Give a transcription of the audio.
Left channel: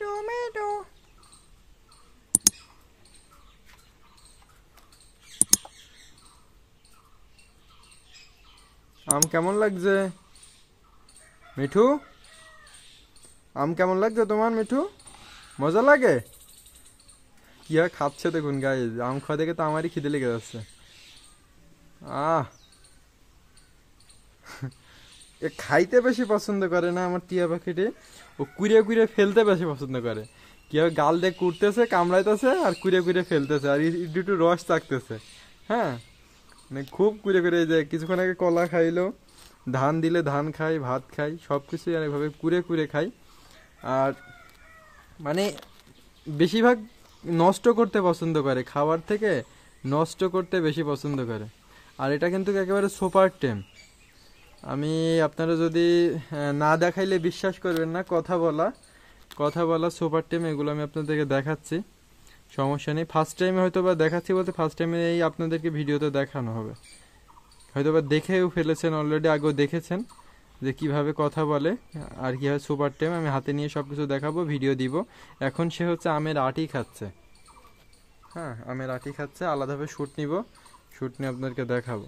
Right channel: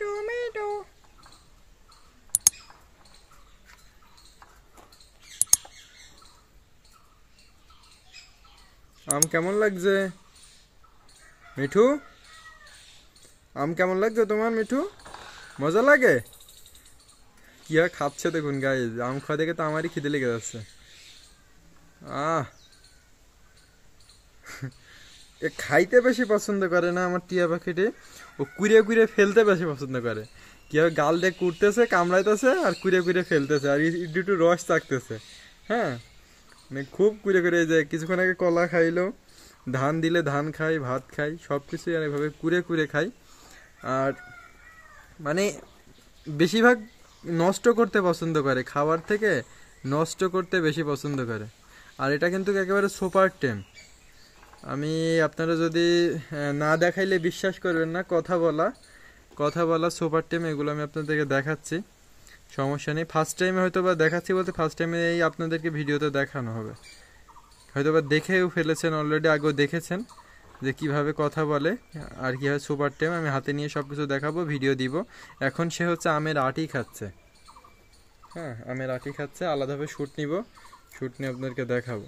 Tomato. আম কেমন লাগছে মিঠু? আম কেমন লাগছে তোমার মিঠু? মজা লাগে? কি আর খাচ্ছে দেখুন গাইস, আম খাওয়া দেখে তো আমারই খিদে লেগে যাচ্ছে। আহ এ খাইতে বেশি পছন্দ করে না আমার টিয়া পাখিটি, ও কুড়িয়ে কুড়িয়ে ফেলতে বেশি পছন্দ করে। কিভাবে গাল দিয়ে কুড়তেছে, কামড়াইতেছে আর কুড়িয়ে কুড়িয়ে ফেলতেছে আর একটু রস চাকতেছে। হ্যাঁ, মানে খুব কুড়ে কুড়ে যায়। কিছুক্ষণ আগে কলা খাইলো, ধান দিলে ধান খাই, ভাত খাই, সব কিছুই আর এভাবে কুড়ে কুড়ে খাই। আর মানে বেশিরভাগ নষ্ট করতে পছন্দ করে, খাবার থেকে নষ্ট করতে বেশি পছন্দ করে। আর এটা কিন্তু একেবারে সুপার টেম। আমি আপনারা যদি না দেখাইলে বিশ্বাস করবেন না, কথা বলা সুপার টেম, এগুলো আমি আপনাদেরকে দেখাচ্ছি, সমস্যা নেই। ফার্স্ট টাইমে হয়তো বা দেখাচ্ছি বলতে ফার্স্ট টাইমে এই আপনাদেরকে ভিডিওতে দেখানো হবে, হয়তো বা দেখেও ফেলেছেন অলরেডি, আগেও দেখেছেন যে কিভাবে কথা বলে আর কীভাবে সুপার টেম আমি হাতে নিয়ে সব কিছু দেখাবো, ভিডিও দিব। এখন সে হচ্ছে আমের আটি খাচ্ছে। হ্যাঁ, আমের আটি খাচ্ছে, আলাদাভাবে শ্যুট নিব, শ্যুট নিয়ে আপনাদেরকে দেখাবো।